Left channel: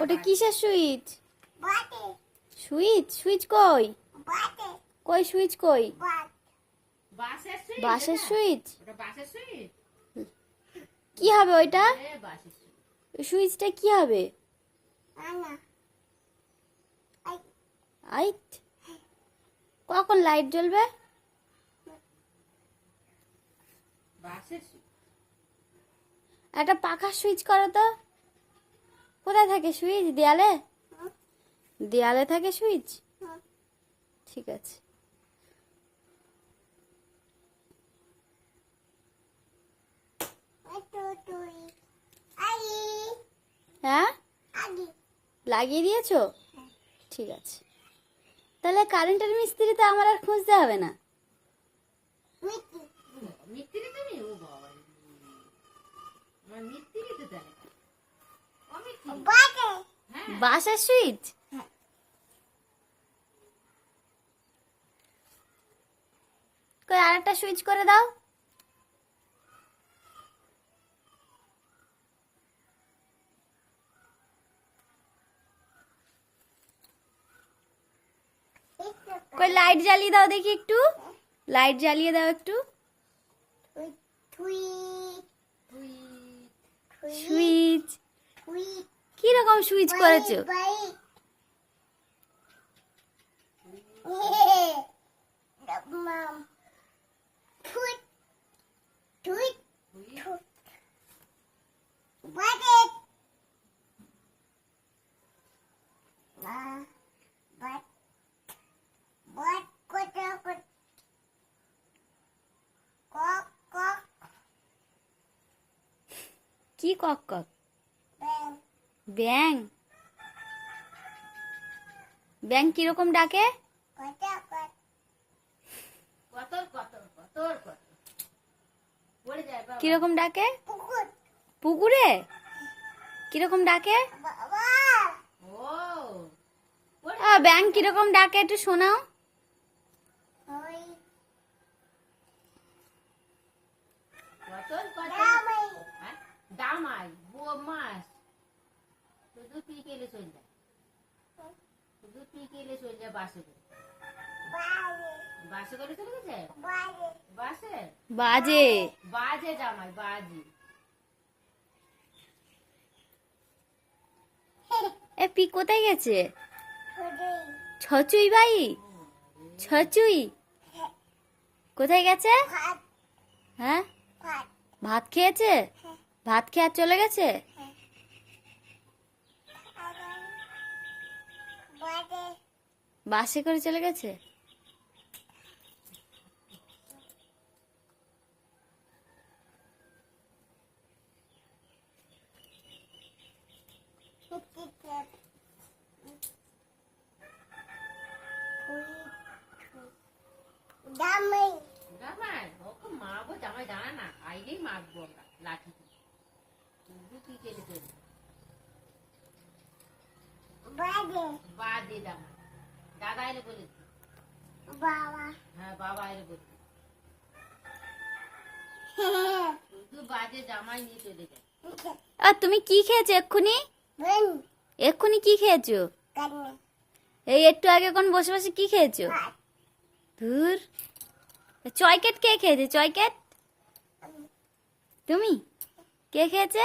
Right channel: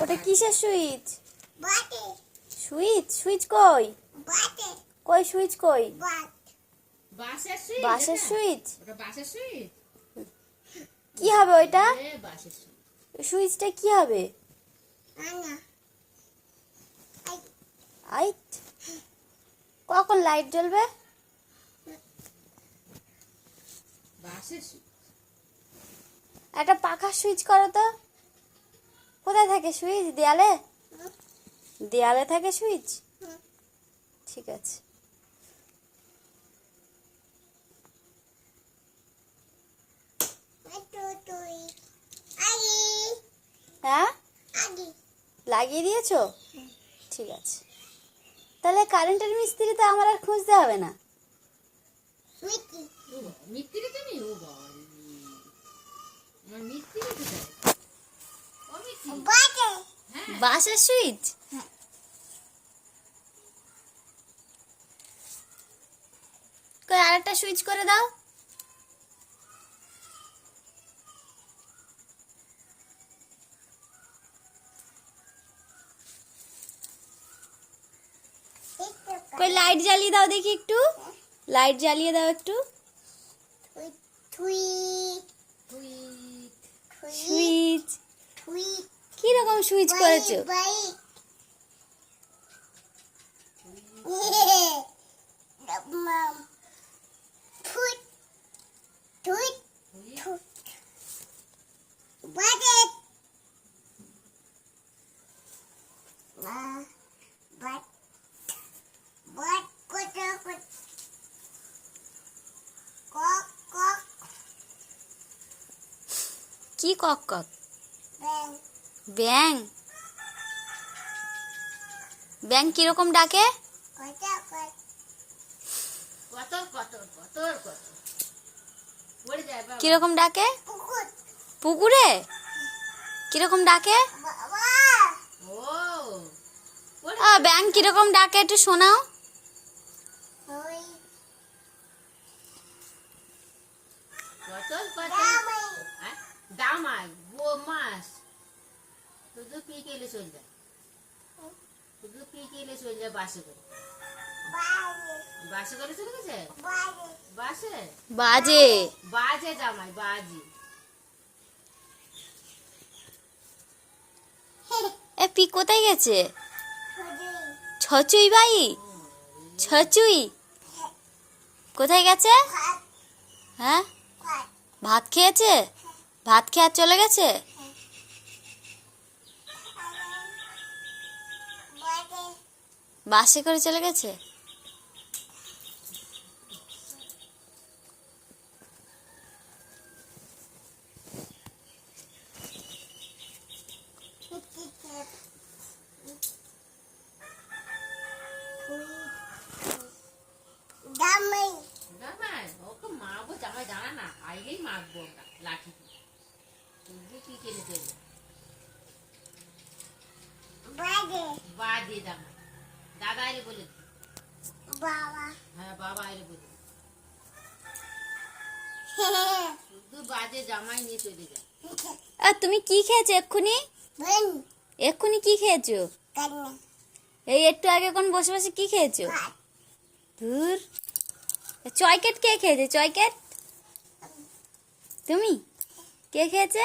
ওটা কিসের switch? Switch? Switch কই? কই সুইচ কই? বাসের সুইচ? কি হবে ওইটা? সুইচটা কি হবে? আইট কখন লাইট জ্বলবে? একটা পাখার সুইচ করো তো। কোথায় থাকে সুইচ? দেয়ালে? দেয়ালে থাকে সুইচ? ঠিক আছে। হ্যাঁ, লাগিয়ে দিয়েছো? ঠিক আছে। তাহলে কারেন্টের মিস্ত্রি তো আমার আর খুঁজতে হবে না। বাসার সুইচ? কই আরেকটা সুইচ করে দাও। কই লাইট জ্বালিয়ে দাও দেখি একটু। লাইট জ্বালিয়ে দাও একটু। সুইচ কি রকম সুইচ করেছো? কি কক কক? ব্যাং? ব্যাং কিরকম ডাকে? কিরকম ডাকে? পুকুরে? কিরকম ডাকে? ব্যাং কিরকম ডাকে একটু শোনাও। বাজে বাজে জামাই বাজে। এ পি কোথায় গেছে? ছচুই ভাই? ছচুই কোথায় গেছে? হ্যাঁ, ভাত খেয়েছে? ভাত খেয়ে চলে গেছে? বাসে করে চলে গেছে? তুমি কি খেয়েছো এক্ষুনি? এক্ষুনি কি খেয়েছো? এই একটু আগে কোন বসে বসে কি খেয়েছো? ধুর, চয়কেট কে খেয়েছে? চয়কেট তুমি? কে খেয়েছে?